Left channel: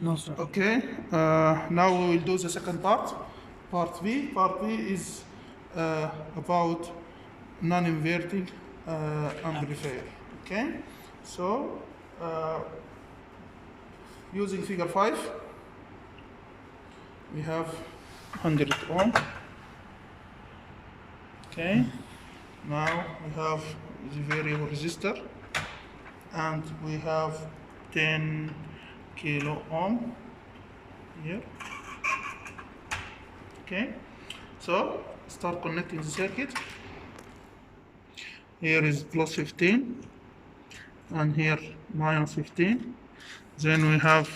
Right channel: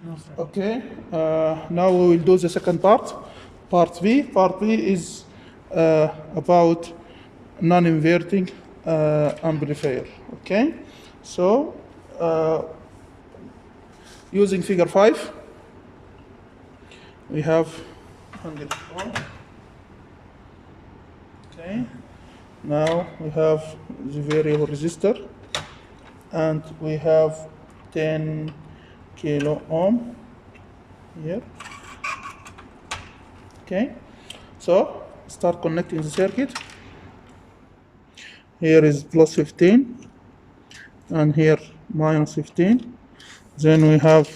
No, sir. Okay, now we will do the second part, part B. Part B is about non-inverting amplifier. Okay, so using figure 5, we have 100 ohm. Okay, now we have the variable resistor, and we have 10 kilo ohm here. Okay, so start connecting the circuit. Here is plus 15, and here minus 15. Then we have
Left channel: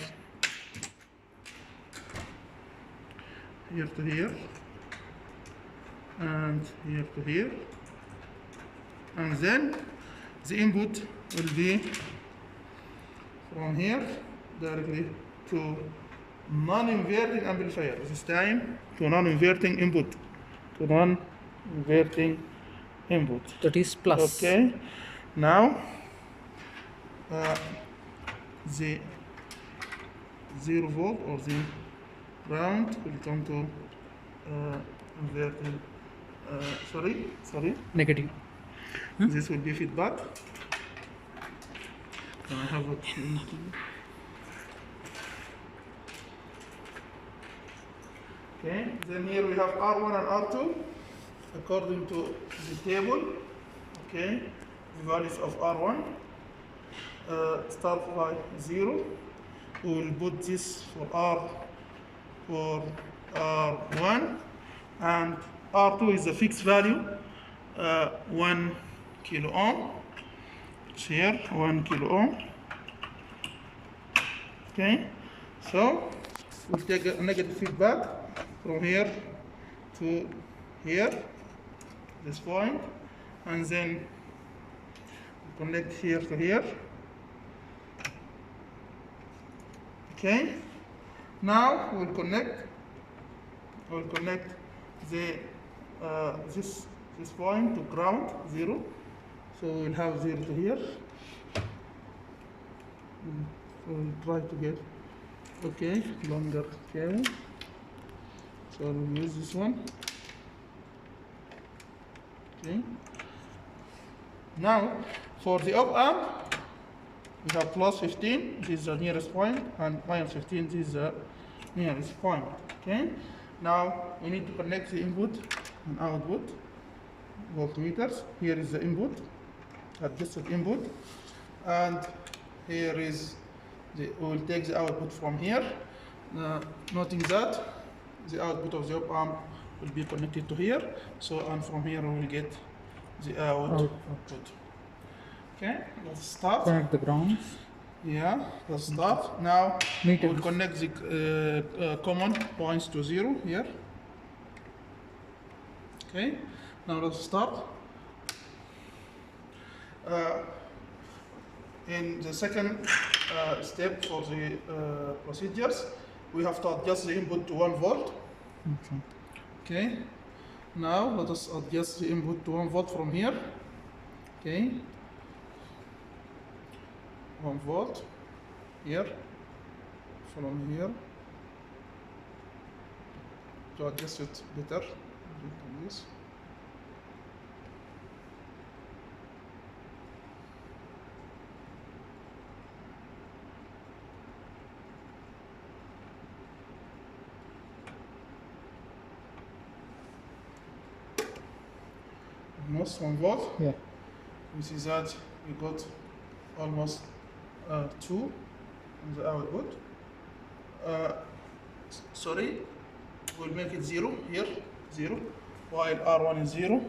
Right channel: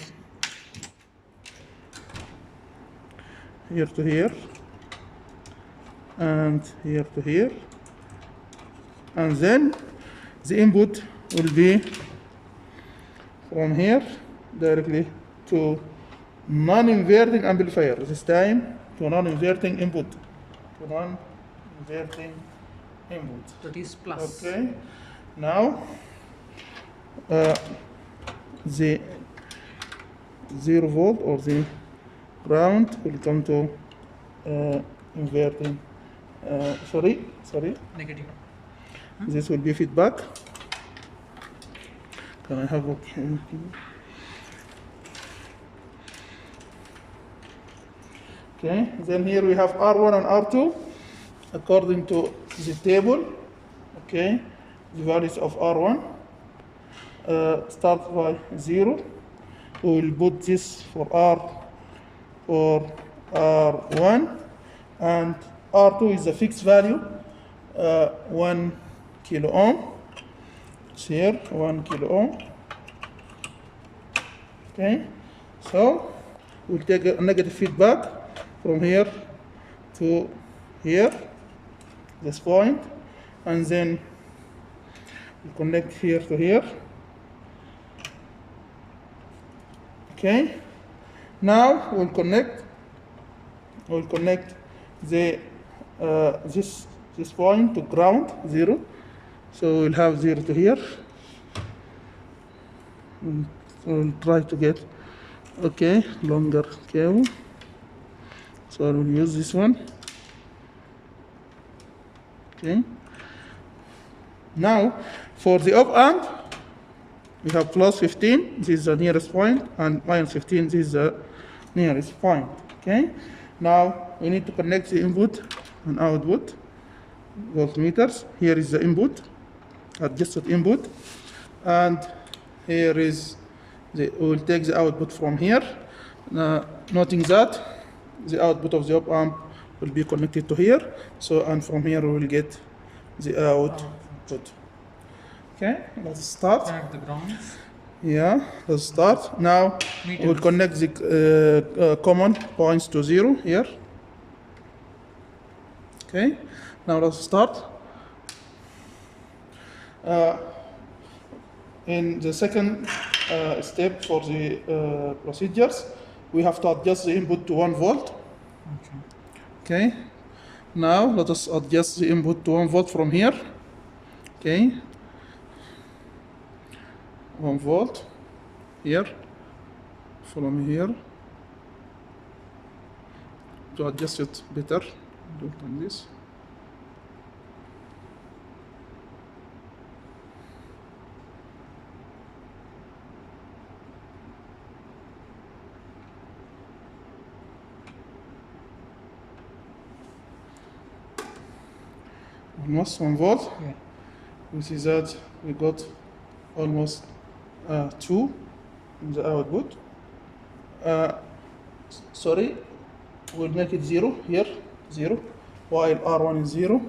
here to here, and here to here, and then the input will be from here directly to non-inverting amplifier. This time to non-inverting input, to non-inverting input. That is plus. Okay, now the 0 volt or the ground will come to inverting. Sorry. Negative. This will be feedback. Can I have a Okay, then here we have R1 and R2 according to the table. Okay, the values of R1 start by 0. We will put this for R1, and R2 is a fixed value, 1 kilo ohm. It's here 1 kilo ohm. Okay, so we'll take a negative feedback from here to here, this point, and then we connect here to here. Okay, now we'll connect the this point to ground, 0. So we'll have 0 to here. We'll try to get longer cable. So I will use this one. Okay. Now for the op amp, we have plus 15, this is the nearest point, and minus 15, this is the nearest point. Okay. Now we need to connect the input and output voltmeters. Here is the input, adjusted input, and here is we will take the output from here. Noting that the output of the op amp will be connected to here. So, and from here we will get the output. Okay, let's start. Connect the grounds. Yeah, let's start. Now we will connect the common points to 0 here. Okay, now let's start. In the second step for the procedures, we have to adjust the input to 1 volt. Okay, now let us adjust the input to 1 volt from here. Okay, 1 volt here, follow me here to adjust it better. Do it like this. Almost 1 volt. Yeah. We see that we got almost 2 in the output. Sorry, we'll make it 0 here, 0, while R1 is 0.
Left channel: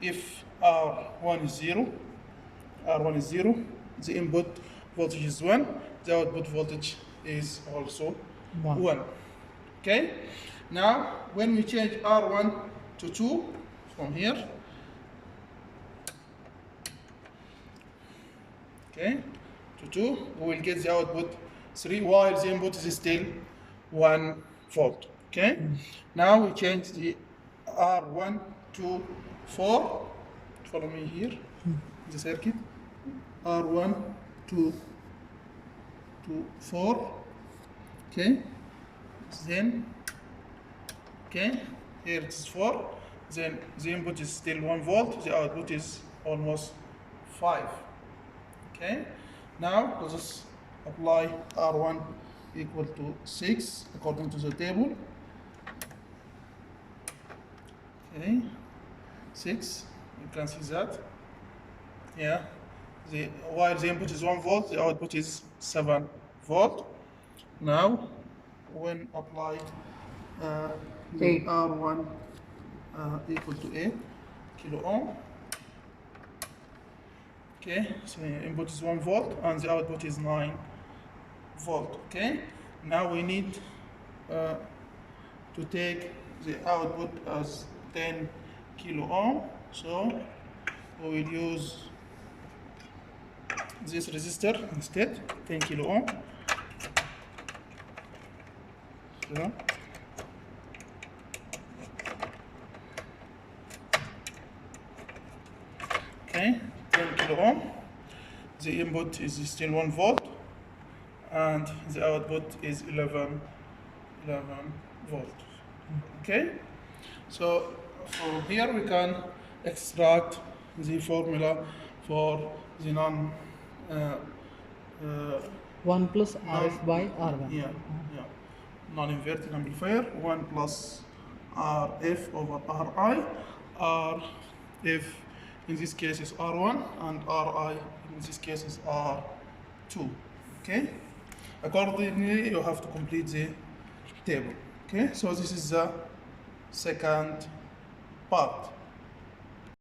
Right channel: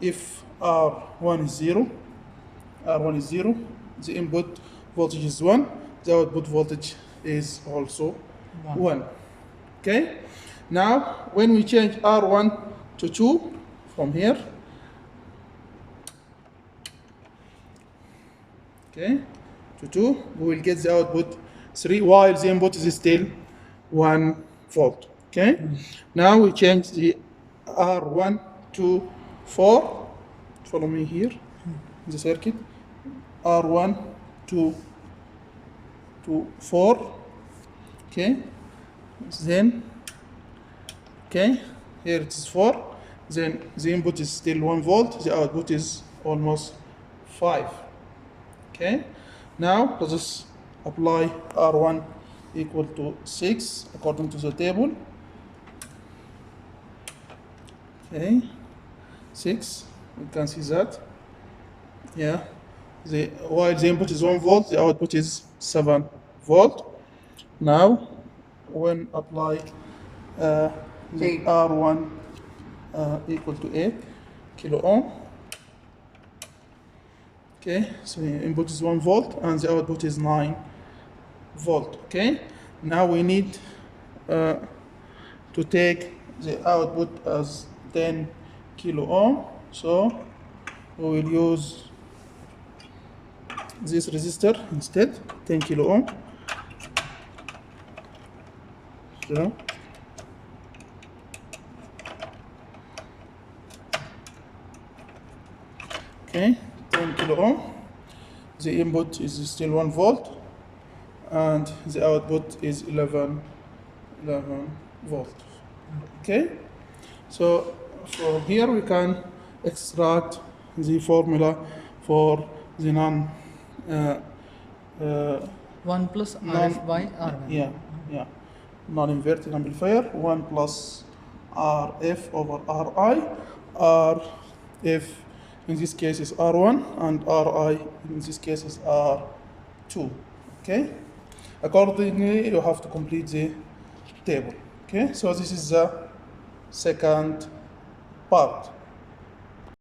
If R1 is 0, the input voltage is 1, the output voltage is also 1. Okay, now when we change R1 to 2 from here, okay, to 2, we will get the output 3, while the input is still 1 volt. Okay, now we change the R1 to 4. Follow me here, the circuit. R1 to 4. Okay, then okay, here it is 4, then the input is still 1 volt, the output is almost 5. Okay, now let us apply R1 equal to 6 according to the table. Okay, 6, we can see that. Yeah, while the input is 1 volt, the output is 7 volt. Now, when apply the 8. R1 equal to 8 kilo ohm. Okay, so the input is 1 volt and the output is 9 volt. Okay, now we need to take the output as 10 kilo ohm. So we will use this resistor instead, 10 kilo ohm. So okay, 10 kilo ohm. The input is still 1 volt and the output is 11 volt. Okay, so from here we can extract the formula for the 1 plus RF by R1. yeah, non-inverting amplifier, 1 plus RF over RI. RF in this case is R1 and RI in this case is R2. Okay, accordingly you have to complete the table. Okay, so this is the second part.